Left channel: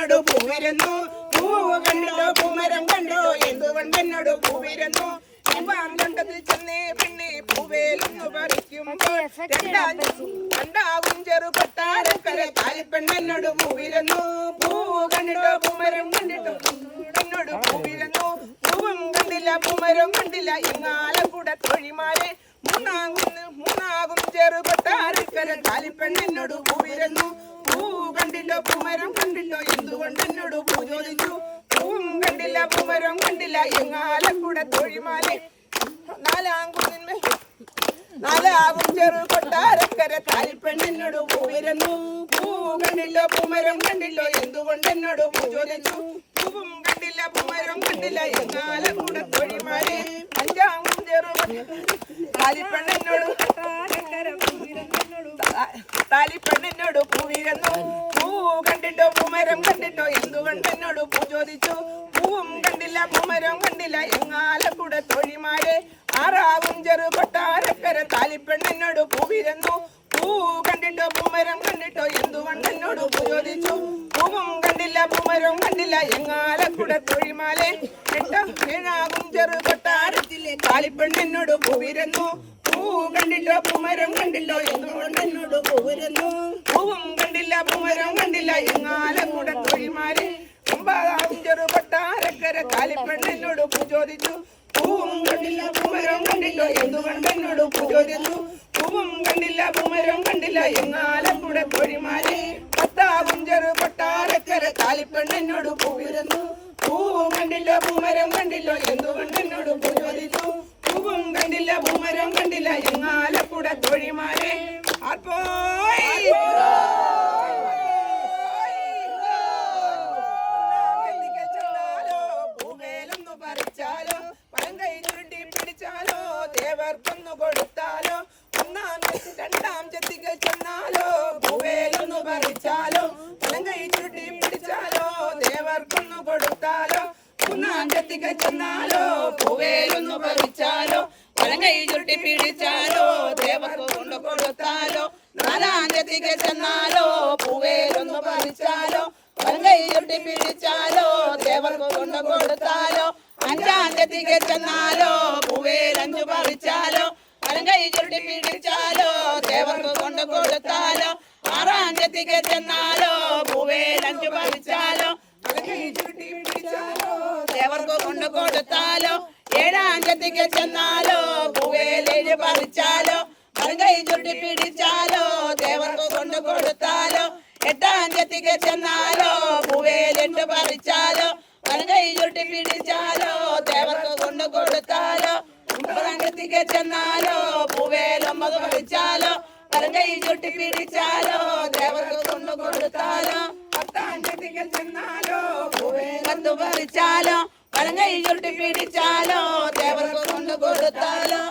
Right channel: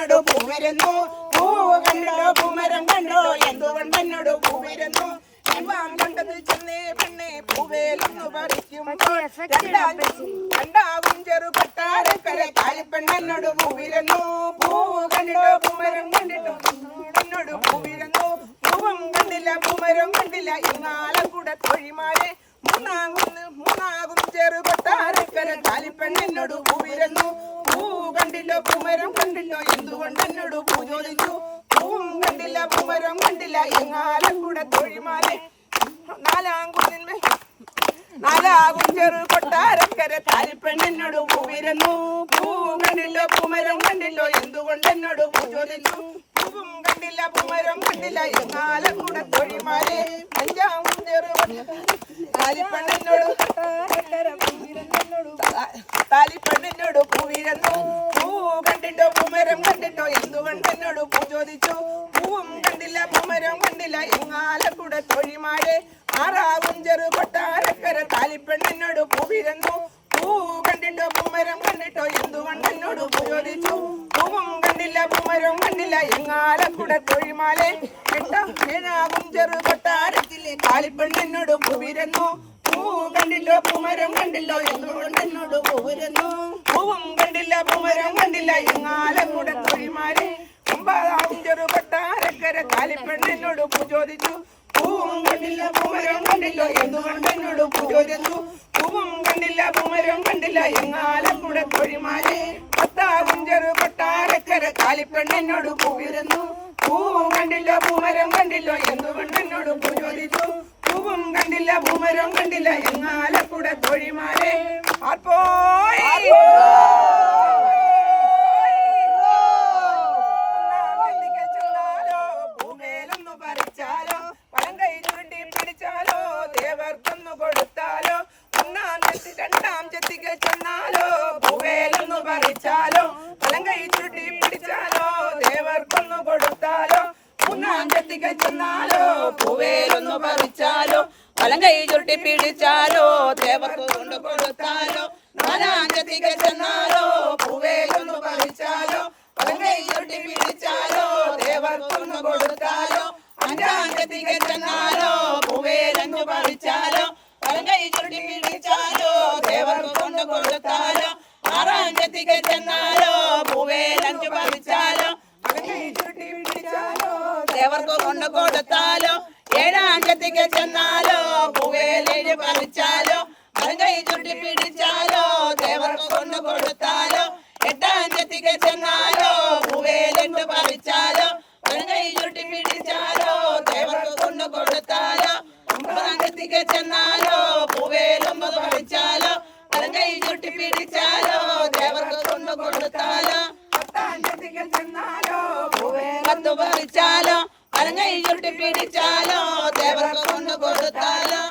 എന്തുകൊണ്ടെന്നോട് പൂവരുന്നു പൂവ് കണ്ടോ പൂമരം കണ്ടോ എന്തുകൊണ്ടെന്നോട് പൂവരുന്നു കണ്ടതിൽ ചെന്നേ പെണ്ണെ പൂവേലൊന്നു പറിക്കുമ്പോൾ രണ്ടാകും ചെറുപട്ടാരക്കര കാലിപ്പെണ്ണോട് പൂവിരുന്നു പൂവ് കണ്ടോ പൂമരം കണ്ടിട്ടു എന്നോട് പൂവിരുന്നു പൂവും കണ്ടില്ല പൂമരം കണ്ടില്ല ഇന്നാലും കൂടെ തൊഴിമാരെ മൂന്നാകും ചെറുപട്ടാരക്കര കാലിപ്പെണ്ണോട് പൂവിരുന്നു പൂവ് കണ്ടില്ലോ പൂമരം കണ്ടില്ലോ എന്തുകൊണ്ടെന്നോട് പൂ ചോദിച്ചു പൂവും കണ്ടില്ല പൂമരം കണ്ടില്ല എങ്ങാലും കൂടെ തൊഴിമാരെ നാലാകും ചെറുപട്ടാരക്കര കാലിപ്പെണ്ണോട് പൂവിരുന്നു പൂവും കണ്ടില്ലോ പൂമരം കണ്ടില്ലോ എന്തുകൊണ്ടെന്നോട് പൂ ചോദിച്ചു പൂവും കണ്ടില്ല പൂമരം കണ്ടില്ല എങ്ങാലും കൂടെ തൊഴിമാരെ അഞ്ചാകും കാലിപ്പെണ്ണോട് താലിപ്പെണ്ണോട് പൂവിരുന്നു പൂ കണ്ടിട്ടോ പൂമരം കണ്ടിട്ടോ എന്തുകൊണ്ടെന്നോട് പൂ ചോദിച്ചു പൂവും കണ്ടില്ല പൂമരം കണ്ടില്ല എങ്ങാലും കൂടെ തൊഴിമാരെ ആറാകും ചെറുപട്ടാരക്കര താലിപ്പെണ്ണോട് പൂവിരുന്നു പൂ കണ്ടിട്ടോ പൂമരം കണ്ടിട്ടോ എന്തുകൊണ്ടെന്നോട് പൂ ചോദിച്ചു പൂവും കണ്ടില്ല പൂമരം കണ്ടില്ല എങ്ങാലും കൂടെ തൊഴിമാരെ ഏഴാകും ചെറുപട്ടാരത്തിലെ താലിപ്പെണ്ണോട് പൂവിരുന്നു പൂ കണ്ടില്ലോ പൂമരം കണ്ടില്ലോ എന്തുകൊണ്ടെന്നോട് പൂവിരുന്നു പൂവും കണ്ടില്ല പൂമരം കണ്ടില്ല എങ്ങാലും കൂടെ തൊഴിമാരെ ഒമ്പതാകും ചെറുപട്ടാരക്കര കാലിപ്പെണ്ണോട് പൂ ചോദിച്ചു പൂവും കണ്ടില്ല പൂമരം കണ്ടില്ലോ എന്തുകൊണ്ടെന്നോട് പൂ ചോദിച്ചു പൂവും കണ്ടില്ല പൂമരം കണ്ടില്ല എങ്ങാലും കൂടെ തൊഴിമാരെ പത്താകും ചെറുപട്ടാരക്കര കാലിപ്പെണ്ണോട് പൂവിരുന്നു പൂവും കണ്ടില്ല പൂമരം കണ്ടില്ലോ എന്തുകൊണ്ടെന്നോട് പൂ ചോദിച്ചു പൂവും കണ്ടില്ല പൂമരം കണ്ടില്ല എങ്ങാലും കൂടെ തൊഴിമാരെ പൂവേലൊന്നു പറിച്ചാലോ വലം കൈ ചുരുട്ടി പിടിച്ചാലോ ദേവർക്കൊന്നു കൊടുത്താലോ രണ്ടാം ചെത്തിക്ക് ചെന്നാലോ പൂവേലൊന്നു പറിച്ചാലോ വലം കൈ ചുരുട്ടി പിടിച്ചാലോ ദേവർക്കൊന്നു കൊടുത്താലോ മൂന്നാം ചെത്തിക്ക് ചെന്നാലോ പൂവേലൊന്നു പറിച്ചാലോ വലം കൈ ചുരുട്ടി പിടിച്ചാലോ ദേവർക്ക് കൊണ്ട് കൊടുത്താലോ നാലാം ചെത്തിക്ക് ചെന്നാലോ പൂവേലൊന്നു പറിച്ചാലോ വലം കൈ ചുരുട്ടി പിടിച്ചാലോ ദേവർക്ക് കൊണ്ട് കൊടുത്താലോ അഞ്ചാം ചെത്തിക്ക് ചെന്നാലോ പൂവേലഞ്ചു പറിച്ചാലോ വലം കൈ ചുരുട്ടി പിടിച്ചാലോ ദേവർക്ക് കൊണ്ട് കൊടുത്താലോ ആറാം ചെത്തിക്ക് ചെന്നാലോ പൂവേലഞ്ചു പറിച്ചാലോ വലം കൈ ചുരുട്ടി പിടിച്ചാലോ ദേവർക്ക് കൊണ്ട് കൊടുത്താലോ ഏഴാം ചെത്തിക്ക് ചെന്നാലോ പൂവേലേഴ് പറിച്ചാലോ വലം കൈ ചുരുട്ടി പിടിച്ചാലോ ദേവർക്ക് കൊണ്ട് കൊടുത്താലോ എട്ടാം ചെത്തിക്ക് ചെന്നാലോ പൂവേലെട്ട് പറിച്ചാലോ വലം കൈ ചുരുട്ടി പിടിച്ചാലോ ദേവർക്ക് കൊണ്ട് കൊടുത്താലോ ഒമ്പതാം ചെത്തിക്ക് ചെന്നാലോ പൂവേലൊമ്പത് പറിച്ചാലോ വലം കൈ ചുരുട്ടി പിടിച്ചാലോ ദേവർക്ക് കൊണ്ട് കൊടുത്താലോ പത്താം ചെത്തിക്ക് ചെന്നാലോ പൂവേലത്ത് പറിച്ചാലോ വലം കൈ ചുരുട്ടി പിടിച്ചാലോ ദേവർക്ക് കൊണ്ട് കൊടുത്താലോ